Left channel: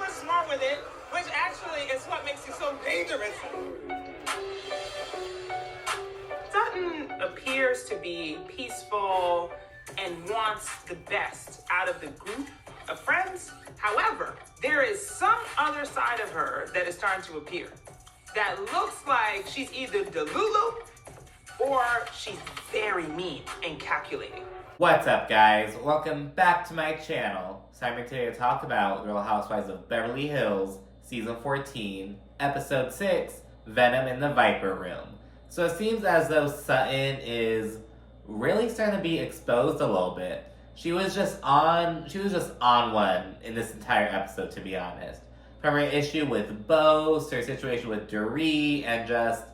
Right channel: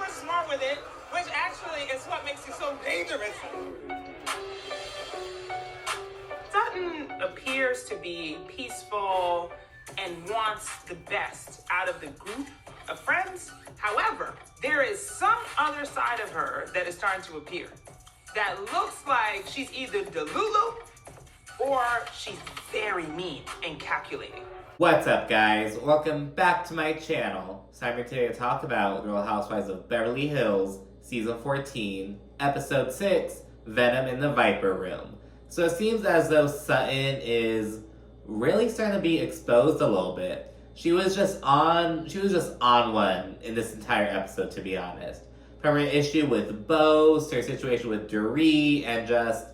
super smart with it, which actually is what makes you so dangerous. Sutton appears to be peaceful and wants the best out of the group of friends. However, there is some other side of her that is starting to appear that looks like she's either delulu or she's very mean and calculating. What's up, guys? Welcome back to my channel. So I'm here today to talk about Real Housewives of Beverly Hills, Season 14, Episode 6, Venom in the Viper Room. So it seems as though Sutton is really starting to be exposed a little bit. She was just on one in this entire episode, to be honest. From her issue with Bose to her situation with Dorit and just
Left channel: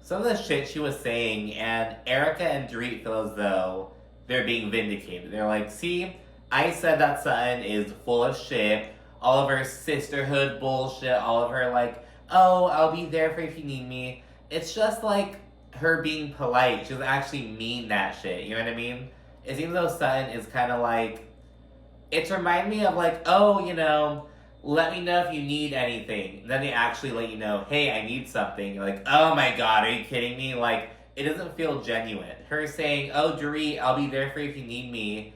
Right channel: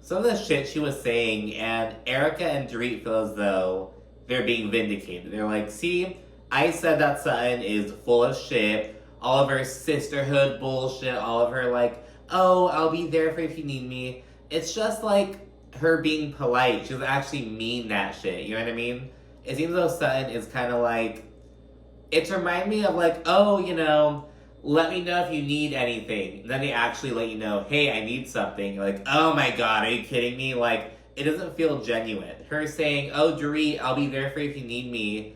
some of the shit she was saying, and Erica and Dorit feel as though they're being vindicated. They're like, see, I said that Sutton is full of shit, all of her sisterhood bullshit, all of her like, oh, I'll be there for you if you need me. It's just like her being polite. She doesn't actually mean that shit, you know what I mean? It seems though Sutton is kind of like, it's reminding me of like, oh, you know, let me know if you need anything. Then they actually let you know, hey, I need something. You're like, oh my god, are you kidding me? Like, it doesn't feel genuine. Her saying, oh, Dorit, I'll be there for you if you need me,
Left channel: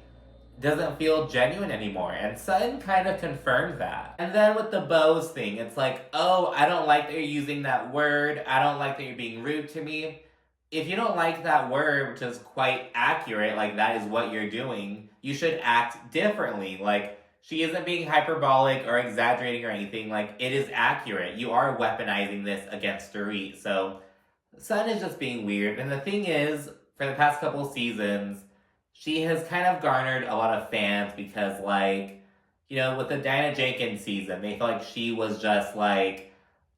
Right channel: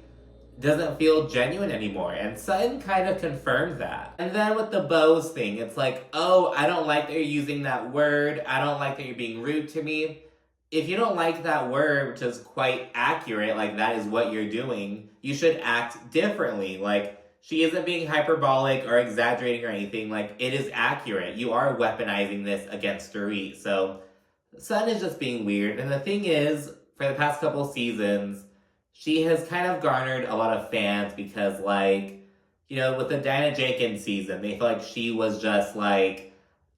doesn't feel genuine anymore. And Sutton kind of confirmed that. And then with the Bose thing, it's like, oh, I don't like that you're using that word. I don't like that you're being rude to me. If you don't like that word, which is quite accurate, like that is what you're doing, you should act differently. Like, she isn't being hyperbolic or exaggerating or anything. Like, it is accurate. You are weaponizing this against Dorit. So Sutton is just being weird. And the thing is, for the past couple seasons, she has kind of garnered a lot of fans because, like, you know, with the Diana Jenkins season, they feel like she was just, like,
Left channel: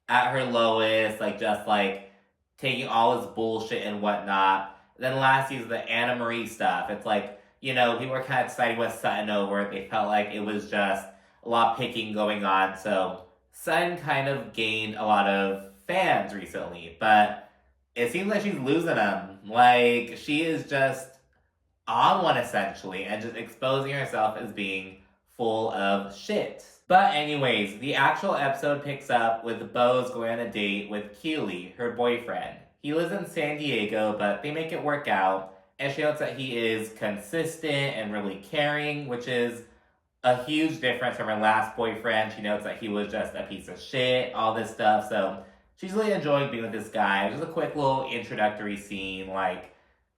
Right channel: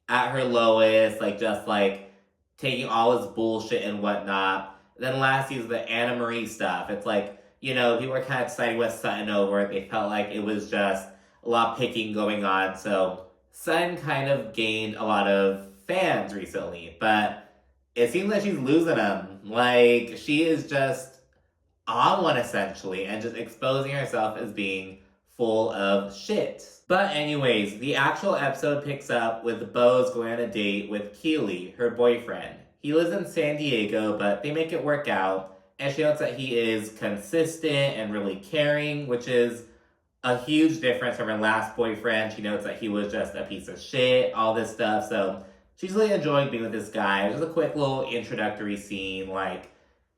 at her lowest, like, just, like, taking all this bullshit and whatnot. Then last season, the Anna Marie stuff, it's like, you know, people were kind of siding with Sutton over it. They felt like it was just a lot of picking going on. So Sutton kind of gained a lot of fans recently, but it seems like she's losing them. Like, she is just on one, essentially, and just exposing herself as being full of shit. But anyways, the actual episode picks up with Bose going on a date with Keely, her boyfriend. He lives in San Diego, but they make it work out, and she notes that he is consistent and really caring, which is a huge difference from her last boyfriend. She notes that he was just a piece of shit, all this stuff, so she's really enjoying being with this guy. It was just a quick little introductory scene, like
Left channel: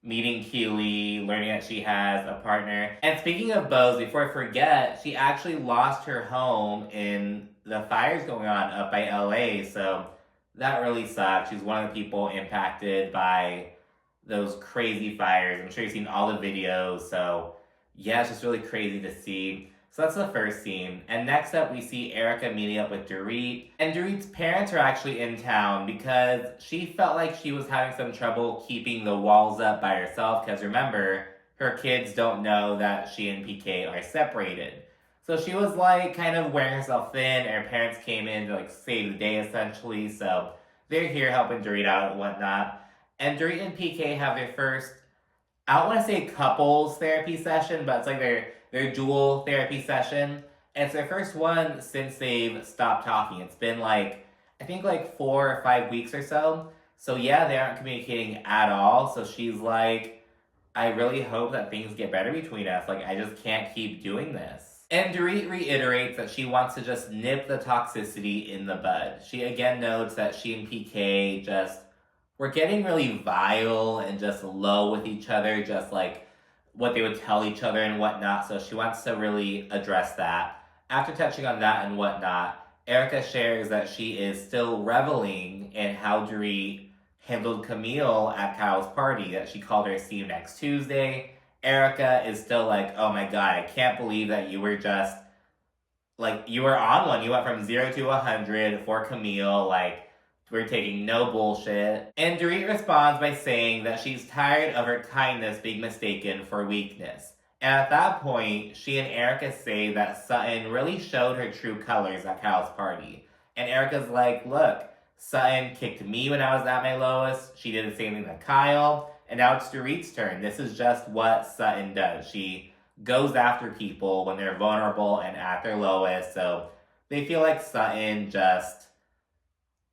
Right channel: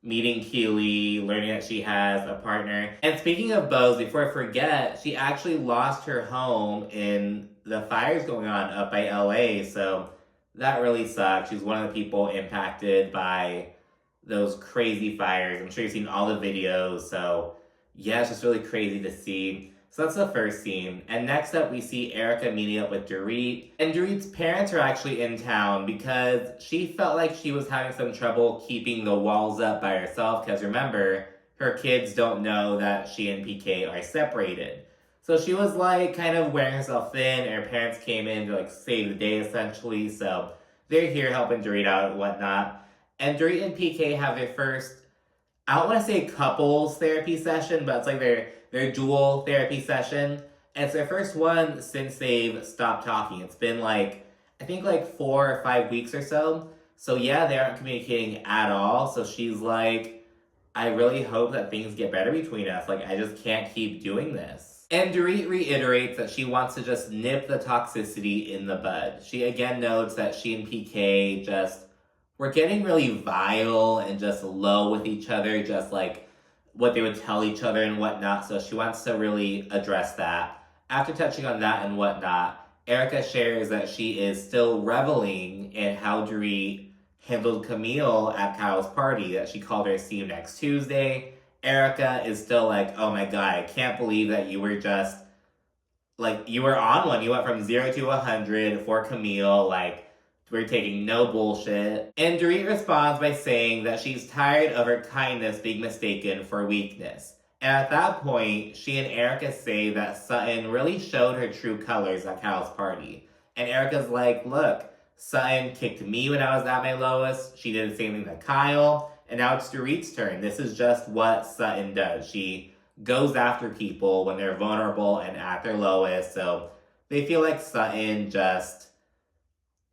meeting Keely, learning that she has a partner. And speaking of Bose, before I forget, she actually lost her home in the fires going on up by LA, so that really sucks. She's one of the people impacted by those crazy fires. I'm sure you've seen all the videos, so yeah, it's just really crazy to see. So that's the first scene. And next up, we see Erica meeting up with Dorit. And Dorit's parents are actually in town because she felt like she was having some trouble keeping the walls up by herself. Because remember, her kids don't know that she and PK are separated. So she was like kind of wearing herself thin. And her parents came in to like save the day essentially. So they're here helping Dorit out and whatnot. And Dorit and PK have their first, I don't want to say couples therapy session, but it's like their dual therapy session. And it's their first one since they've stopped talking. It's been like, I think like 4 or 5 weeks or so. So yeah, they aren't communicating at all. So she's like, I really hope that things get better between us. Like, I just can't keep doing this. And Dorit reiterates that she wants to just nip the toxicity in the bud. She again notes that she and PK just were getting really vile and just low with each other, just like what they would tell each other and whatnot. So she wants to really address that. After touching on that and whatnot, Erica shares that she is still reveling in how Dorit handled Camille at Kyle's party, that she called her see you next Tuesday. Erica is still like, oh my god, I can't believe that you were just, like, you were on one. You went from 0 to 100 for Camille, like, we're taking no bullshit. And Dorit responds by saying that she's tired of her kindness being mistaken for weakness. And at that point, she and Erica say that Sutton really showed her true colors at Kyle's party. And Erica's like, look, Sutton kicked me when I was at my lowest. She did the same thing to Kyle. And now it's Dorit's turn. This is just what Sutton does. She goes after people when they're vulnerable and at their lowest. So they feel like Sutton just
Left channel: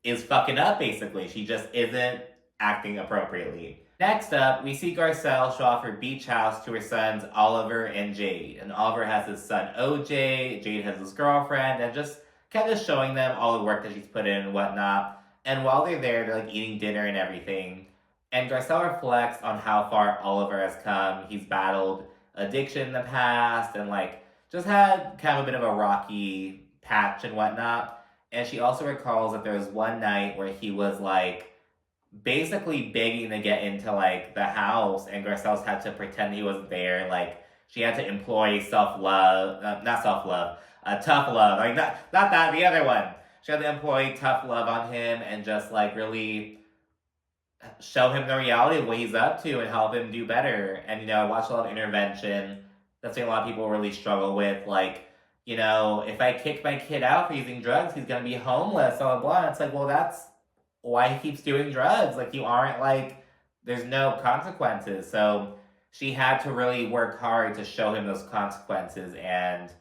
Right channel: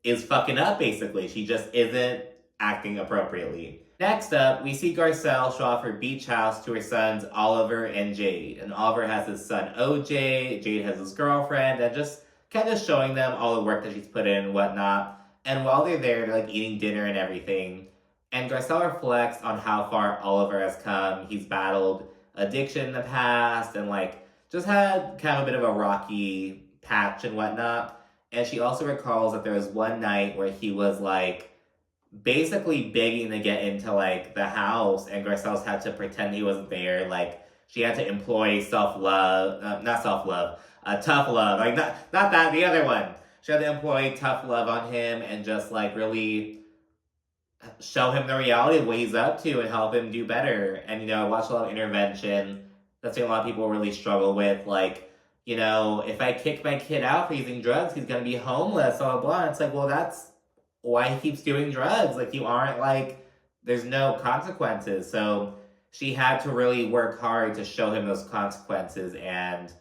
is fucking up, basically. She just isn't acting appropriately. Next up, we see Garcelle show off her beach house to her sons Oliver and Jade. And Oliver has his son OJ, Jade has his girlfriend, and just kind of showing them all the work that she's put in and whatnot. And while they're there, they're like eating dinner and everything. And Garcelle reflects on how far Oliver has come. He's battled addiction in the past and like just had kind of a bit of a rocky patch and whatnot. And she also recalls that there was one night where he was like basically begging to get into like the house, and Garcelle's had to pretend he wasn't there. Like she had to employ tough love, like not that, the other one. She had to employ tough love on him and just like really show him the reality of what he's up to and help him do better. And, you know, I watched a lot of intervention. That's what a lot of people really struggle with. Like, you know, if I kick my kid out for using drugs, he's going to be homeless, blah, blah, blah. And it's like, well, that's why he keeps doing drugs. Like, you aren't like, there's no consequences. So she had to really work hard to show him those consequences. And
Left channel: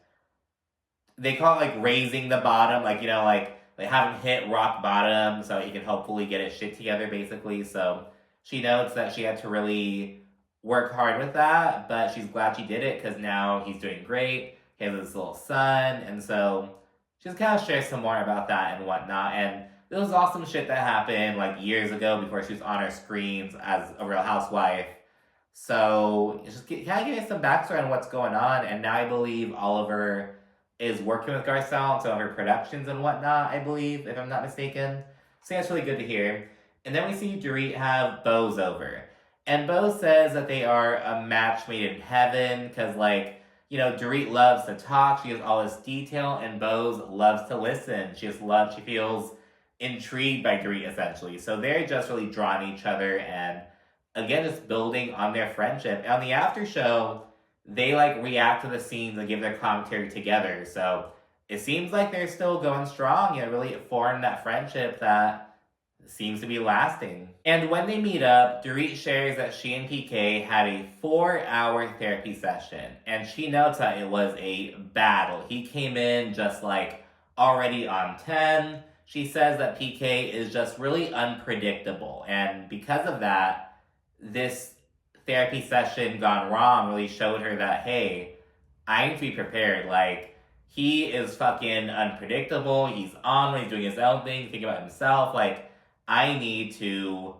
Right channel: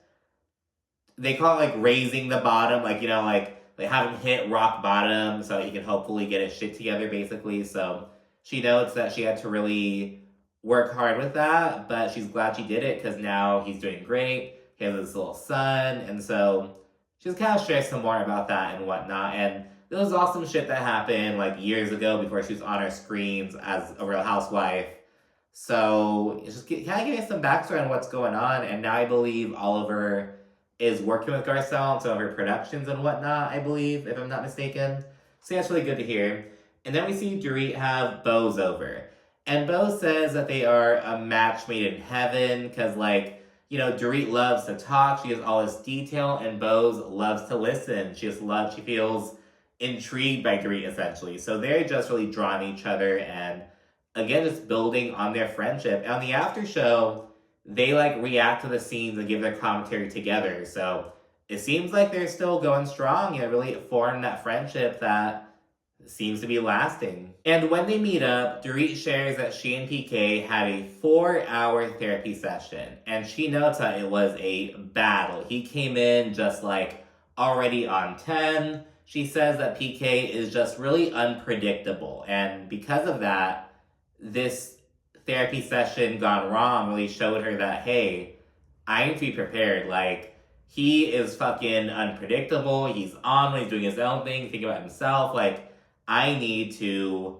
they call it like raising the bottom, like, you know, like have him hit rock bottom so he can hopefully get his shit together, basically. So she notes that she had to really work hard with that, but she's glad she did it because now he's doing great. He has this little son, and so she's kind of shares some more about that and whatnot. And there was awesome shit that happened like years ago before she was on our screens as a Real Housewife. So it's just kind of getting some backstory on what's going on. And now I believe Oliver is working with Garcelle on some of her productions and whatnot, I believe, if I'm not mistaken. So that's really good to hear. And then we see Dorit have Bose over. And Bose says that they are a match made in heaven because, like, you know, Dorit loves to talk. She has all this detail, and Bose loves to listen. She feels intrigued by Dorit, essentially. So they're just really drawn to each other and, again, just building on their friendship. And on the after show, they like react to the scenes and give their commentary together. So it seems like they're still going strong and really formed that friendship that seems to be lasting. And when they meet up, Dorit shares that she and PK had a 4-hour therapy session. And she notes that it was a battle. He came in just like already on 10. She says that PK is just really unpredictable. And because of that, this therapy session gone wrong really showed her that, hey, I need to be prepared. Like, he is fucking unpredictable. He's on when he's doing his own thing, thinking about himself. Like, I need to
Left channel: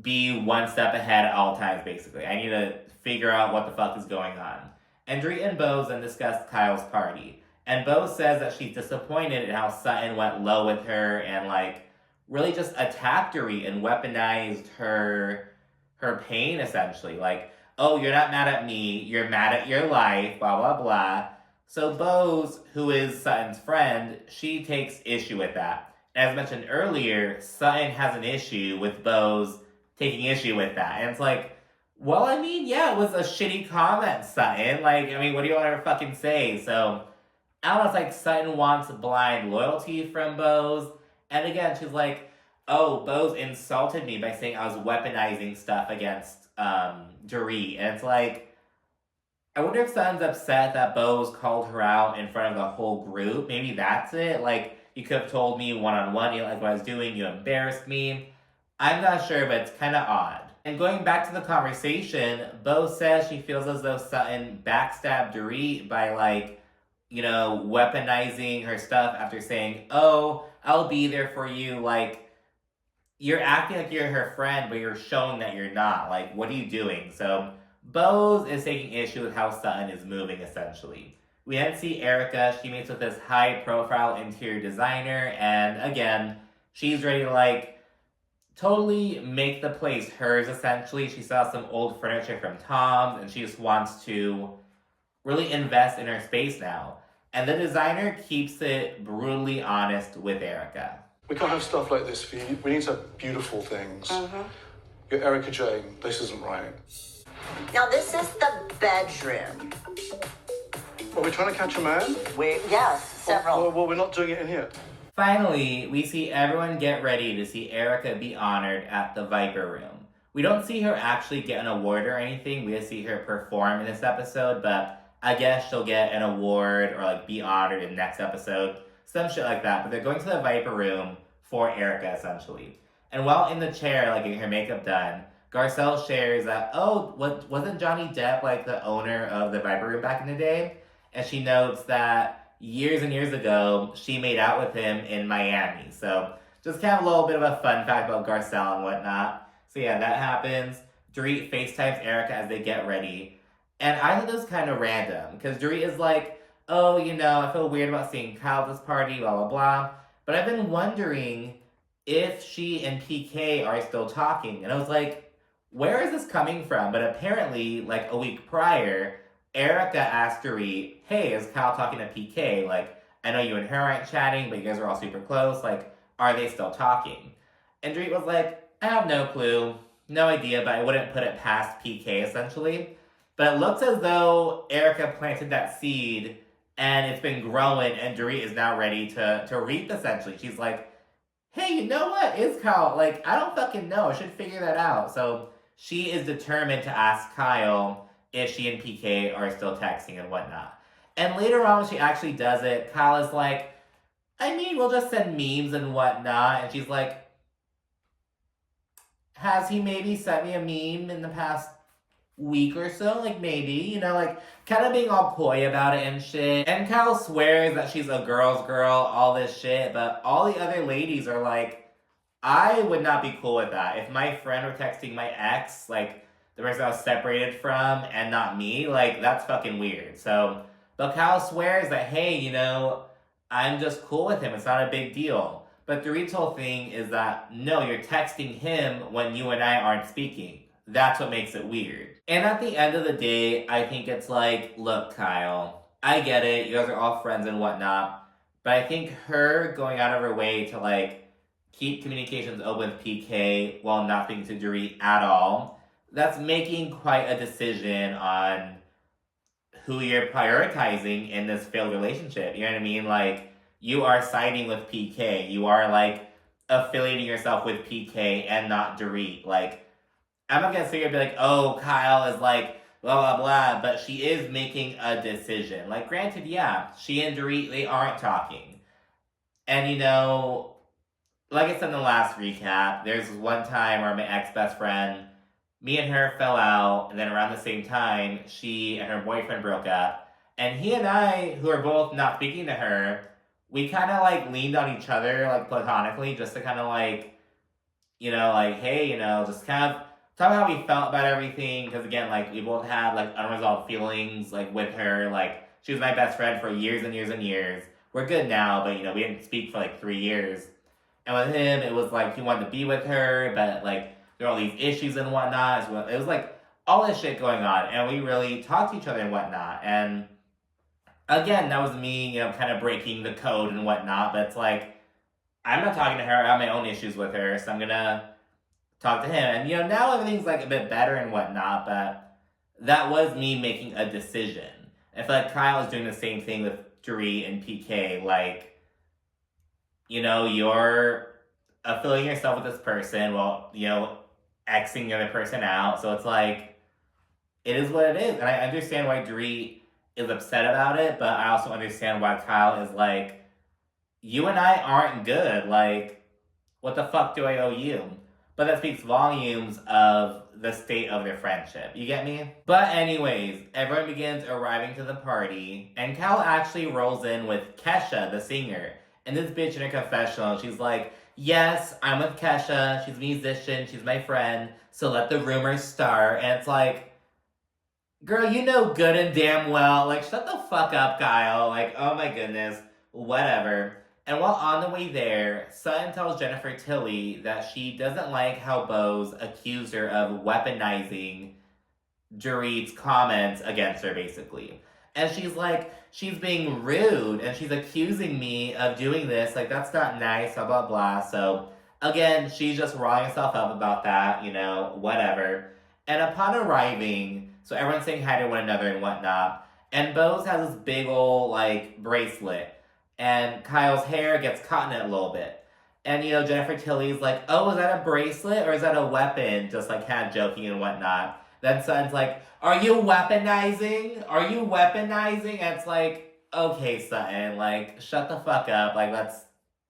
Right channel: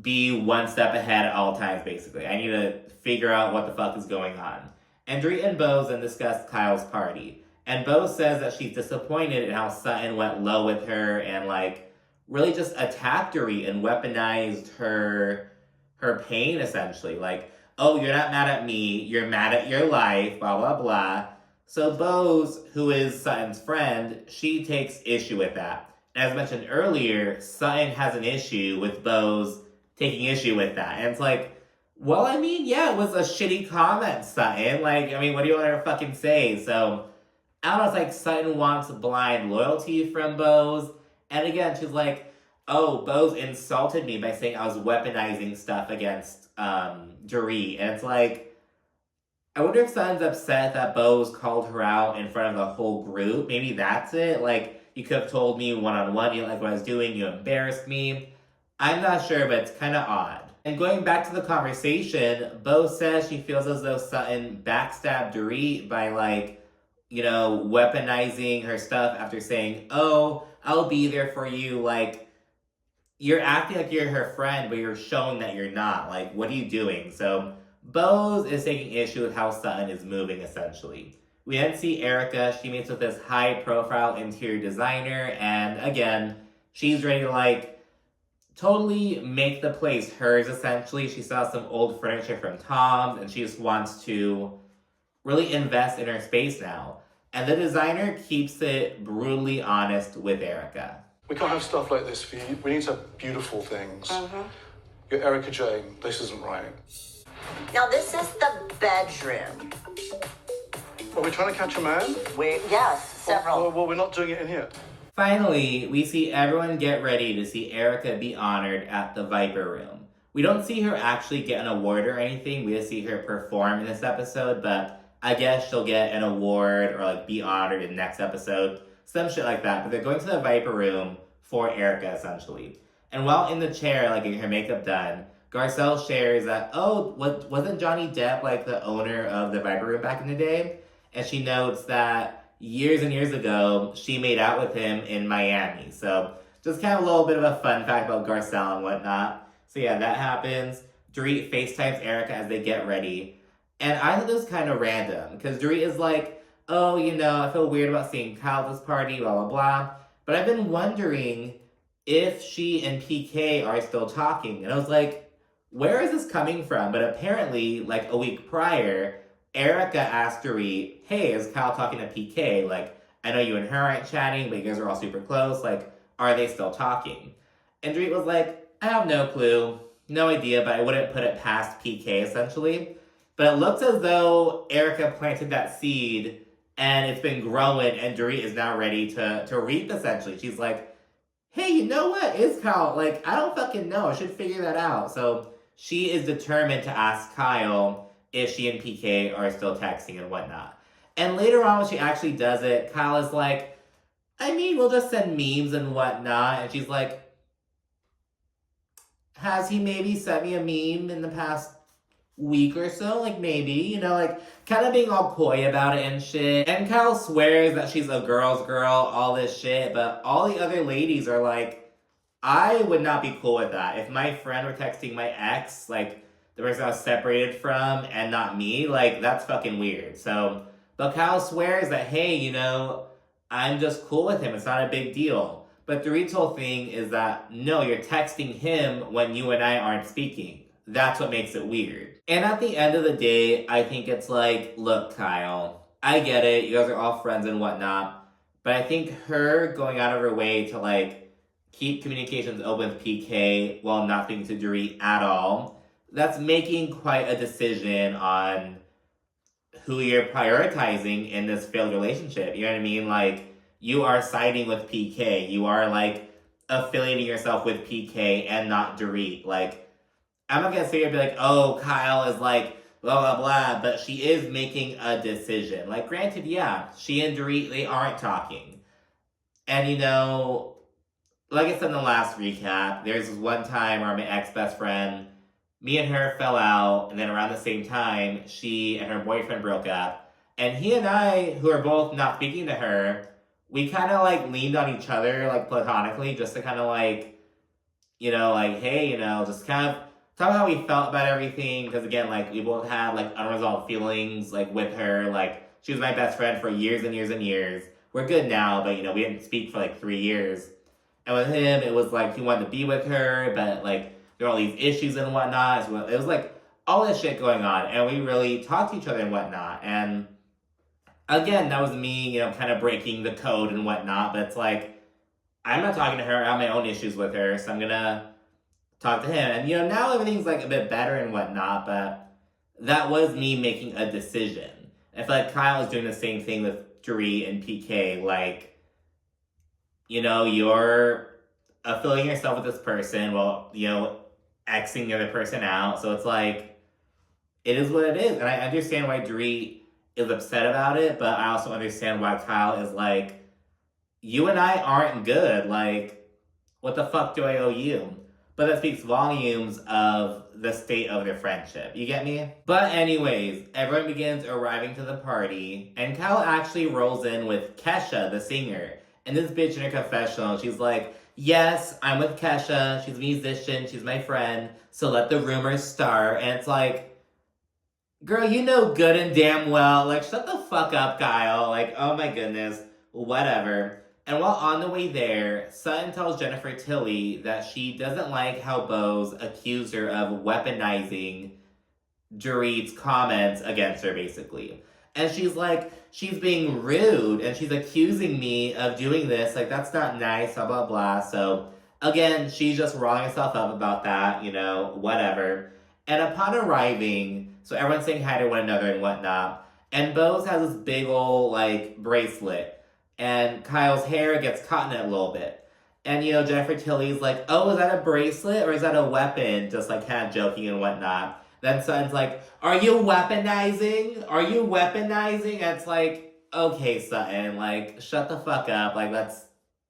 be one step ahead at all times, basically. I need to figure out what the fuck is going on. And Dorit and Bose then discussed Kyle's party. And Bose says that she's disappointed in how Sutton went low with her and, like, really just attacked Dorit and weaponized her pain, essentially. Like, oh, you're not mad at me, you're mad at your life, blah, blah, blah. So Bose, who is Sutton's friend, she takes issue with that. As mentioned earlier, Sutton has an issue with Bose taking issue with that. And it's like, well, I mean, yeah, it was a shitty comment, Sutton. Like, I mean, what do you want her to fucking say? So, I don't know, it's like Sutton wants blind loyalty from Bose. And again, she's like, oh, Bose insulted me by saying I was weaponizing stuff against Dorit. And it's like, I wonder if Sutton's upset that Bose called her out in front of the whole group. Maybe that's it. Like, you could have told me one-on-one, you don't like what I was doing, you embarrassed me. I'm not sure, but it's kind of odd. And going back to the conversation, Bose says she feels as though Sutton backstabbed Dorit by, like, you know, weaponizing her stuff after saying, oh, I'll be there for you. Like, you're acting like you're her friend, but you're showing that you're not. Like, what are you doing? So Bose is taking issue with how Sutton is moving, essentially. We then see Erica. She meets with this high-profile interior designer, and again, she's ready to, like, totally make the place hers, essentially. She saw some old furniture from Tom's, and she just wants to really invest in her space now. And the designer keeps it brutally honest with Erica. We can't have stuff like this for you. We need to have beautiful things. You're Erica Jane. This isn't right. Now, this is the bedroom. Are we trying to catch a man? Yes, several. Well, we're not doing it in here. Finally, we see everyone get ready to see Erica be honored at the Viper Room. We don't see her actually get an award or anything. We just see her perform in this episode, but I guess she'll get an award or like be honored in the next episode. Some shit like that. But they're going to the Viper Room for Erica, essentially. And while in the chair, like getting her makeup done, Garcelle shares that, oh, wasn't Johnny Depp like the owner of the Viper Room back in the day? And she notes that years and years ago, she made out with him in Miami. So just kind of a little bit of a fun fact about Garcelle and whatnot. So yeah, that happens. Dorit FaceTimes Erica as they get ready. And I thought this was kind of random, because Dorit is like, oh, I feel weird about seeing Kyle at this party, blah, blah, blah. But I've been wondering if she and PK are still talking. And I was like, where is this coming from? But apparently, like a week prior, Erica asked Dorit, hey, is Kyle talking to PK? Like, I know you and her aren't chatting, but you guys are all super close. Like, are they still talking? And Dorit was like, I have no clue. No idea, but I wouldn't put it past PK, essentially. But it looks as though Erica planted that seed, and it's been growing, and Dorit is now ready to reap, essentially. She's like, hey, you know what? Is Kyle? Like, I don't fucking know. I should figure that out. So she is determined to ask Kyle if she and PK are still texting and whatnot. And later on, when she actually does it, Kyle is like, I mean, we'll just send memes and whatnot. And she's like, has he maybe sent me a meme in the past week or so? Like, maybe, like, kind of being all coy about it and shit. And Kyle swears that she's a girl's girl, all this shit, but all the other ladies are like, I would not be cool with that. If my friend were texting my ex, like, the person I was separated from, and not me, like, that's fucking weird. So, but Kyle swears that, hey, I'm just cool with him. It's not a big deal. But the whole thing is that, no, you're texting him when you and I aren't speaking. That's what makes it weird. And at the end of the day, I think it's like, look, Kyle, I get it. You guys are all friends and whatnot. But I think her going out of her way to, like, keep communications open with PK while not speaking to Dorit at all, that's making quite a decision on who you're prioritizing in this failed relationship. You know what I mean? Like, you are siding with PK. You are, like, affiliating yourself with PK and not Dorit. Like, I'm not gonna sit here and be like, oh, Kyle is like, blah, blah, blah, but she is making a decision. Like, granted, yeah, she and Dorit, they aren't talking. And, like I said in the last recap, there's one time where my ex-best friend, me and her fell out, and then around the same time, she and her boyfriend broke up. And he and I, who are both not speaking to her, we kind of, like, leaned on each other, like, platonically, just to kind of, like, like, hey, just kind of talk about how we felt about everything. Because, again, like, we both had, like, unresolved feelings, like, with her. Like, she was my best friend for years and years and years. We're good now, but, we didn't speak for, like, 3 years. And with him, it was, like, he wanted to be with her, but, like, there were all these issues and whatnot. So it was, like, all this shit going on. And we really talked to each other and whatnot. And again, that was me, kind of breaking the code and whatnot, but it's like, I'm not talking to her, I have my own issues with her, so I'm gonna talk to him. And, now everything's, like, a bit better and whatnot, but that was me making a decision. I feel like Kyle is doing the same thing with Dorit and PK, like, you're affiliating yourself with this person while, Xing the other person out, so it's like, it is what it is, and I understand why Dorit is upset about it, but I also understand why Kyle is like, you and I aren't good. Like, what the fuck do I owe you? But that speaks volumes of the state of their friendship. You get me? But anyways, everyone begins arriving to the party, and Kyle actually rolls in with Kesha, the singer. And this bitch in her confessional, she's like, yes, I'm with Kesha. She's a musician. She's my friend. So let the rumors start. And it's like, girl, you know good and damn well, like, shut the fuck up, Kyle. Like, oh my goodness, whatever. And while on the way there, Sutton tells Jennifer Tilly that she doesn't like how Bose accused her of weaponizing Dorit's comments against her, basically. And she's like, she's being rude, and she's accusing me of doing this. Like, that's not nice, blah, blah, blah. So, again, she's just riling herself up about that, whatever. And upon arriving, so everyone's saying hi to one another and whatnot, and Bose has this big ol', like, bracelet, and Kyle's hair gets caught in it a little bit. And, Jennifer Tilly's like, oh, is that a bracelet or is that a weapon? Just, like, kind of joking and whatnot. Then Sutton's like, are you weaponizing? Are you weaponizing? And it's like, okay, Sutton, like, shut the fuck up. Like, let's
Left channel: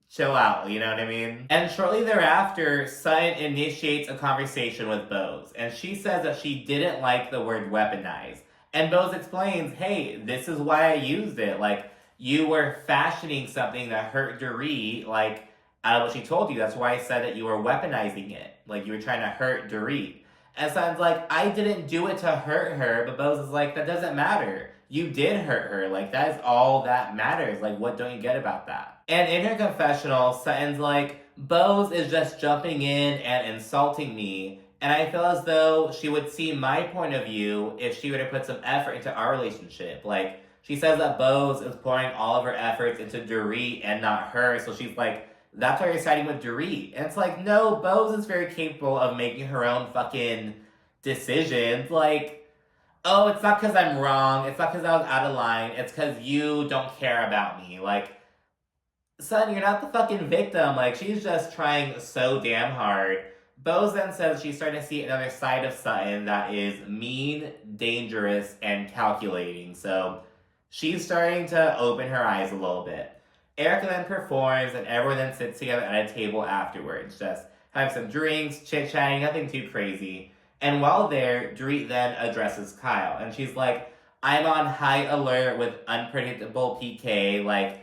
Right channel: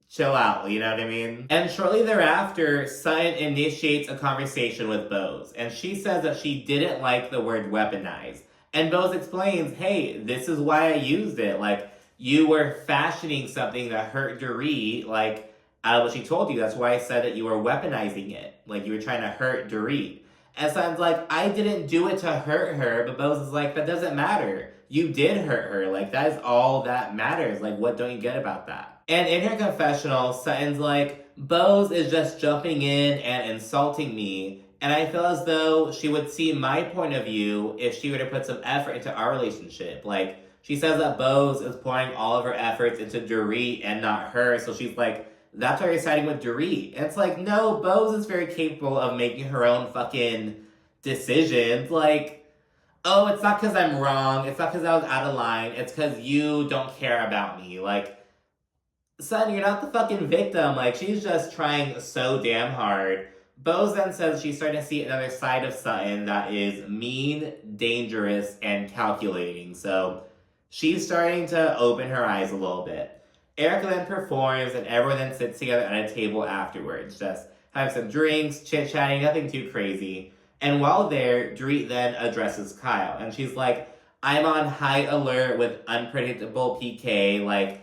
chill out, you know what I mean? And shortly thereafter, Sutton initiates a conversation with Bose, and she says that she didn't like the word weaponize. And Bose explains, hey, this is why I used it. Like, you were fashioning something that hurt Dorit, like, out of what she told you. That's why I said that you were weaponizing it. Like, you were trying to hurt Dorit. And Sutton's like, I didn't do it to hurt her, but Bose is like, that doesn't matter. You did hurt her. Like, that is all that matters. Like, what don't you get about that? And in her confessional, Sutton's like, Bose is just jumping in and insulting me, and I feel as though she would see my point of view if she were to put some effort into our relationship. Like, she says that Bose is pouring all of her efforts into Dorit and not her, so she's like, that's why you're siding with Dorit. And it's like, no, Bose is very capable of making her own fucking decisions. Like, oh, it's not because I'm wrong, it's not because I was out of line, it's because you don't care about me. Like, son, you're not the fucking victim. Like, she's just trying so damn hard. Bose then says she's starting to see another side of Sutton that is mean, dangerous, and calculating. So she's starting to open her eyes a little bit. Erica then performs, and everyone then sits together at a table afterwards, just having some drinks, chit-chatting, nothing too crazy. And while there, Dorit then addresses Kyle, and she's like, I'm on high alert with unpredictable PK, like,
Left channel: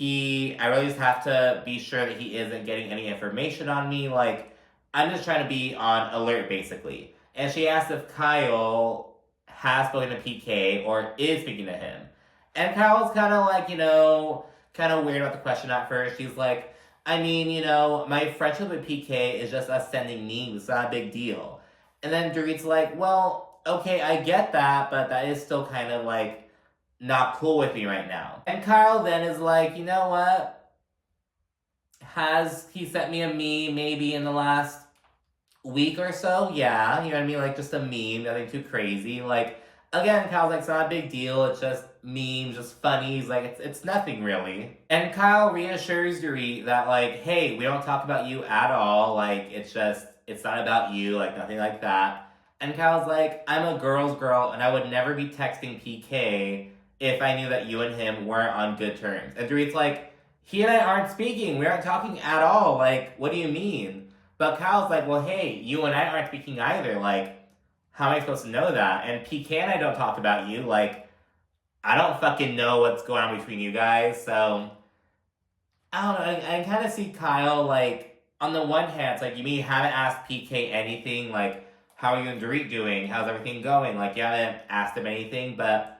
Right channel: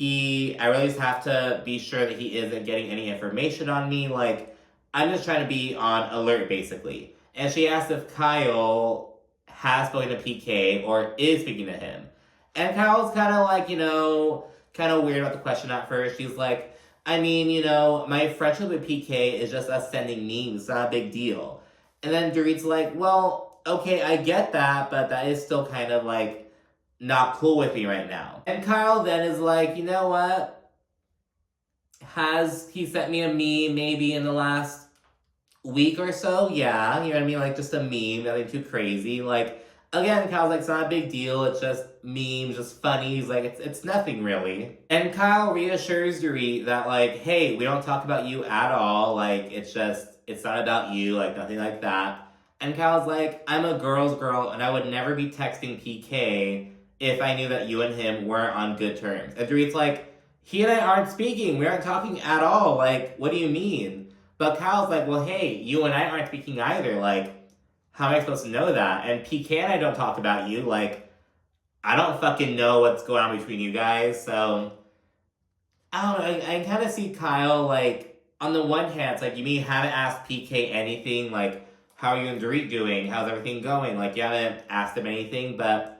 I really just have to be sure that he isn't getting any information on me. Like, I'm just trying to be on alert, basically. And she asks if Kyle has spoken to PK or is speaking to him. And Kyle's kind of like, kind of weird about the question at first. She's like, I mean, my friendship with PK is just us sending memes. It's not a big deal. And then Dorit's like, well, okay, I get that, but that is still kind of like, not cool with me right now. And Kyle then is like, you know what? Has he sent me a meme maybe in the last week or so? Yeah, you know what I mean? Like, just a meme, nothing too crazy. Like, again, Kyle's like, it's not a big deal. It's just memes, just funny. He's like, it's nothing really. And Kyle reassures Dorit that, like, hey, we don't talk about you at all. Like, it's not about you. Like, nothing like that. And Kyle's like, I'm a girl's girl, and I would never be texting PK if I knew that you and him weren't on good terms. And Dorit's like, he and I aren't speaking. We aren't talking at all. Like, what do you mean? But Kyle's like, well, hey, you and I aren't speaking either. Like, how am I supposed to know that? And PK and I don't talk about you. Like, I don't fucking know what's going on between you guys. So, I don't know. I kind of see Kyle, like, on the one hand, it's like, you mean you haven't asked PK anything? Like, how are you and Dorit doing? How's everything going? Like, you haven't asked him anything, but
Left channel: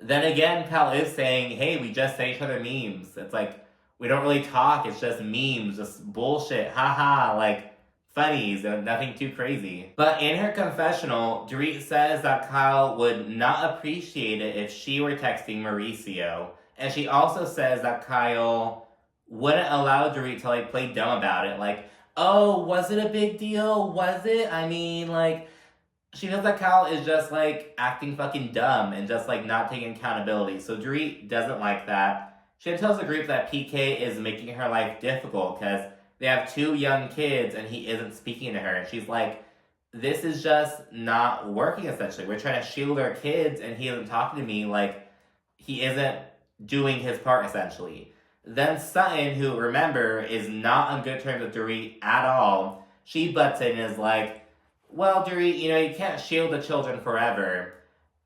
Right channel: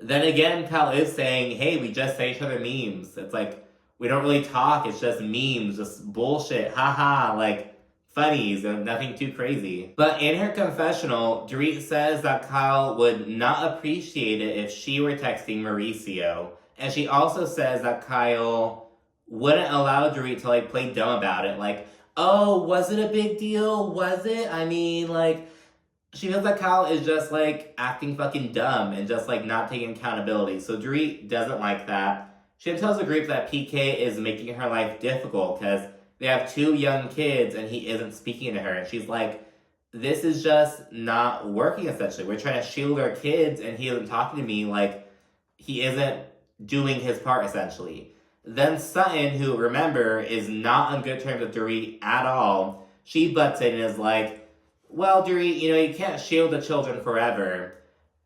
then again, Kyle is saying, hey, we just send each other memes. It's like, we don't really talk. It's just memes, just bullshit. Haha, like, funnies and nothing too crazy. But in her confessional, Dorit says that Kyle would not appreciate it if she were texting Mauricio. And she also says that Kyle wouldn't allow Dorit to, like, play dumb about it. Like, oh, was it a big deal? Was it? I mean, like, she feels like Kyle is just, like, acting fucking dumb and just, like, not taking accountability. So Dorit doesn't like that. She tells the group that PK is making her life difficult because they have 2 young kids and he isn't speaking to her. And she's like, this is just not working, essentially. We're trying to shield our kids and he isn't talking to me. Like, he isn't doing his part, essentially. Then Sutton, who, remember, is not on good terms with Dorit at all, she butts in and is like, well, Dorit, you can't shield the children forever.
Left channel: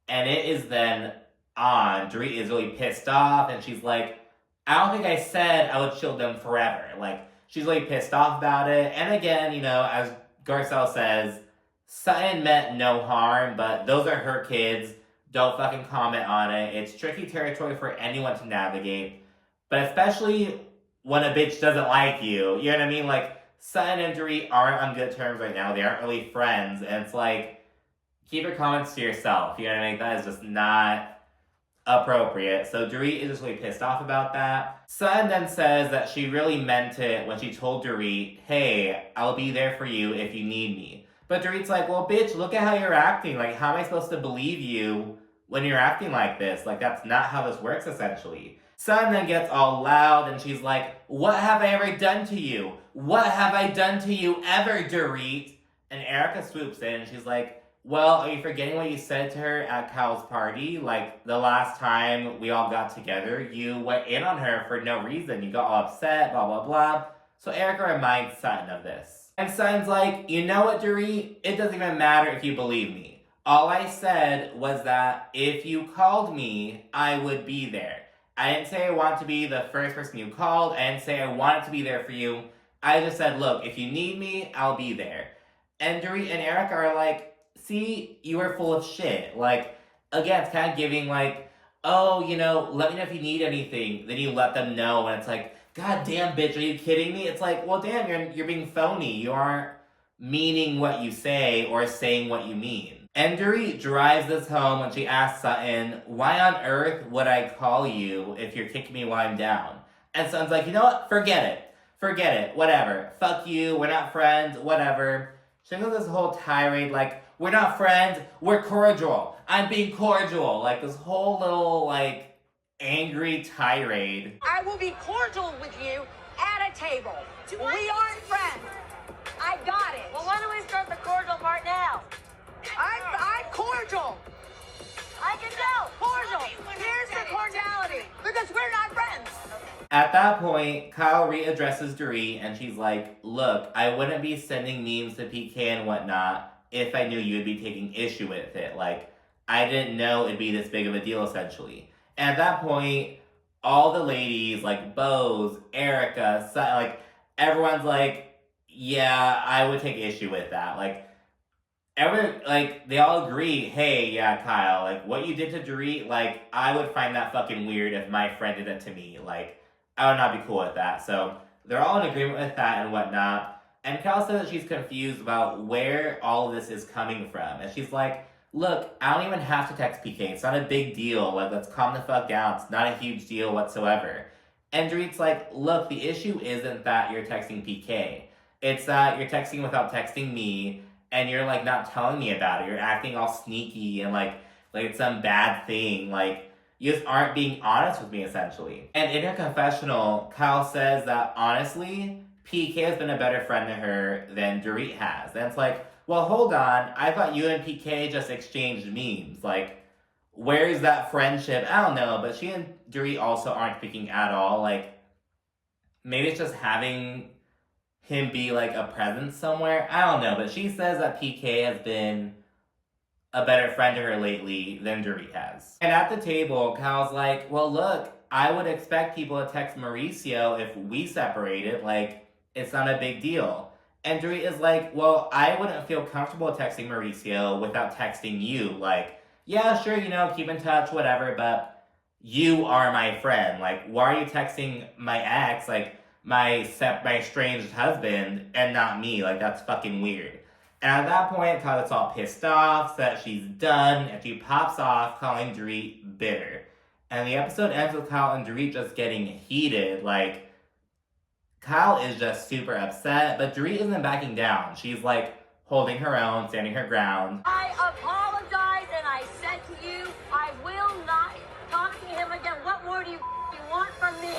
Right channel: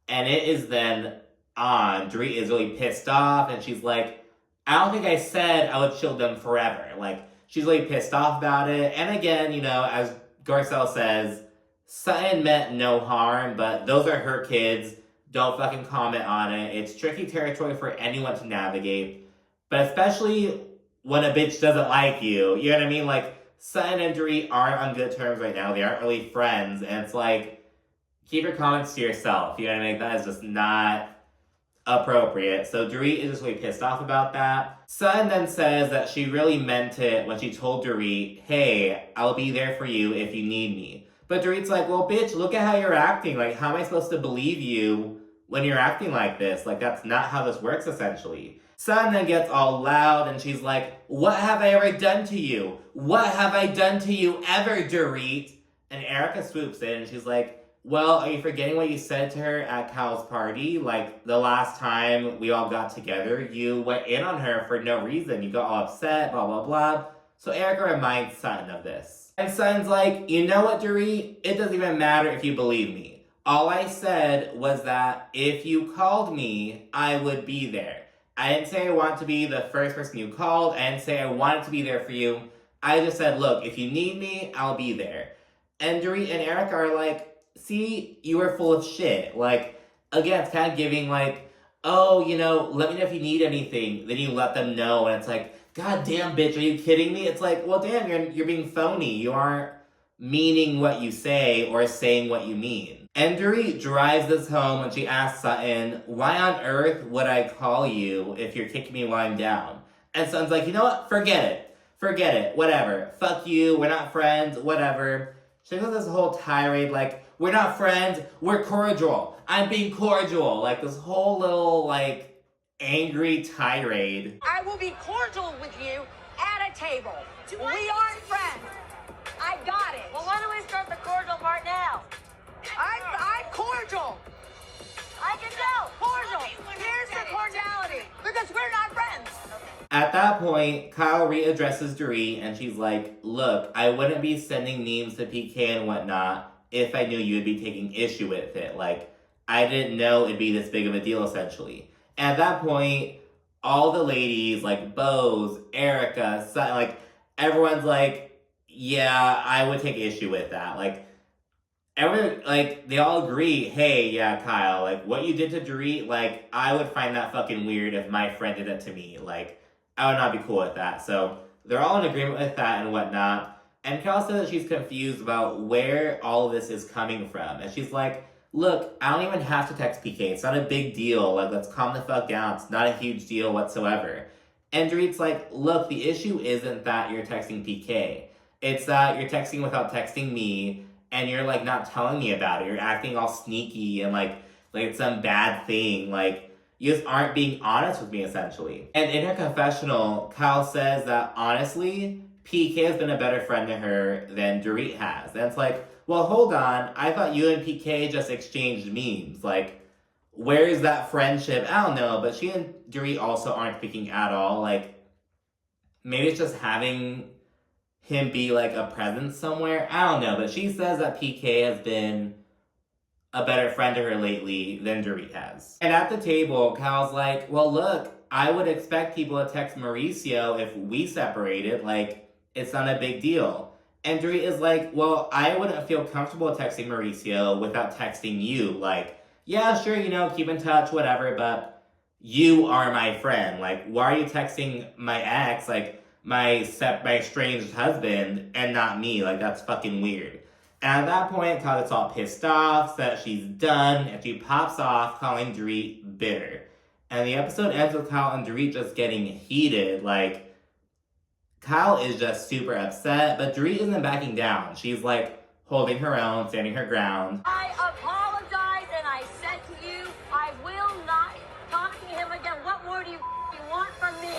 And it is then on. Dorit is really pissed off, and she's like, I don't think I said I would shield them forever. Like, she's really pissed off about it. And again, as Garcelle says, Sutton meant no harm, but those are her kids. Don't fucking comment on it. It's tricky territory for anyone to navigate. But especially when a bitch doesn't like you. You know what I mean? Like, Sutton and Dorit aren't on good terms right now. They aren't really friends. And it's like, keep your comments to yourself. You know what I mean? That is just not appropriate. So Dorit is just really pissed off about that. Sutton then says that she really meant it when she told Dorit, hey, I'll be there for you if you need me. But Dorit's like, well, bitch, look at how you're acting. Like, how am I supposed to believe you when you're acting like this? Like, that's not how this works, essentially. Sutton then gets all loud and she's like, what have I ever done to you? What have I done to you ever, Dorit? And Erica swoops in and she's like, well, are you forgetting what you said to her at Kyle's party? Like, the last time we all got together, you went in on her for no reason. You got all upset, blah, blah, blah. So Erica reminds Sutton of this. And Sutton's like, you know what, Dorit? It doesn't even matter if you believe me. All I said was that if you called me, I would be there. I didn't say I want to be the first person you called. I didn't say I wanted to be there for you. I just said, look, if you need me, I'll be there. And Dorit and Erica are like, see, you were full of shit. Like, again, it's kind of giving like, oh, you know, let me know if you need anything. Then you let them know, and it's like, God damn, bitch, are you kidding me? It's like, well, damn, you're being phony. You aren't meaning what you say or saying what you mean. And Dorit drives this home and she asks Sutton, why on earth would I call you if you're kicking me while I'm down? And Sutton's like, you know what? Forget it. Forget it. Whatever. Fuck you. We're not friends. Whatever. She goes this whole tirade like, we're not friends. We're cordial. I'm being cordial. Like this whole little like angry tirade. I will be cordial with you at a table. We aren't friends. I got it. Well, why don't we start the cordial part now? I'm cordial. I can tell. Cordial. Here's the cordiality. Because we're not friends. At that point, Kyle readdresses Dorit and she's like, look, I wouldn't be sending memes to PK and whatnot if I knew you would be taking issue with it. Like, I didn't know it'd be this big of a deal, essentially. And at that point, all the ladies, like Bose, Erica, like, everyone's like, yeah, I would take issue with that. Like, they all agree, hey, yeah, Kyle, like, what you did to Dorit, like, I would find that fucking weird if my friend did that to me. Like, I would not be cool with that. So, they're all in agreement with that and whatnot. And Kyle says that she's confused about where all of this is coming from. And she's like, look, I don't even have to text PK. It's not a big deal. Like, let's calm the fuck down. It's not a huge deal whatsoever. And Dorit's like, look, the issue isn't that you're texting PK. It's that you're texting without texting me, and you're, like, not telling me about it. You're acting all sneaky and, like it's some bad thing. Like, you just aren't being honest with me, essentially. And in her confessional, Kyle says that, honestly, PK has been a better friend to her than Dorit has. And it's like, well, hold on. I thought you and PK just exchanged memes. Like, where's that friendship? I don't know. But she and Dorit also aren't speaking at all. Like, maybe it's just having him be, like, a presence somewhere. I don't know. But she says that PK has been a better friend to her lately than Dorit has. And at the table, Kyle's like, well, look, I would expect people to text Mauricio if we separated. Like, it's not a big deal. And Dorit is like, well, I wouldn't feel comfortable texting Mauricio without texting you. Like, yeah, sure, you know, keep in touch, whatever, but you are my friend. Like, why are you texting my ex, like, my estranged husband, and not me? Like, that's fucking weird. And at that point, Kyle gets all pissed off, so that she's done, and she pops off, calling Dorit bitter. And the episode ends with Kyle and Dorit just getting heated. Like, Kyle is just super upset, but Dorit isn't backing down. She's, like, holding her own, standing her ground. I apologize, and I said to you, I will not talk to him again. What more do you want from me?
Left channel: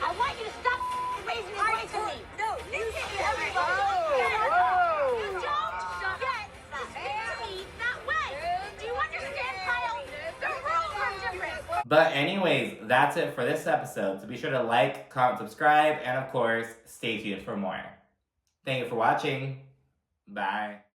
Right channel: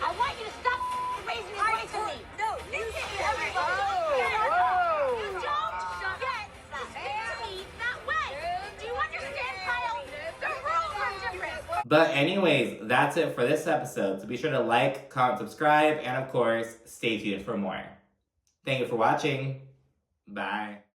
I want you to stop raising your voice at me. No, listen to everybody. Whoa. You don't get to speak that way. Do you understand, Kyle? The rules are different. But anyways, that's it for this episode. So be sure to like, comment, subscribe, and of course, stay tuned for more. Thank you for watching. Bye.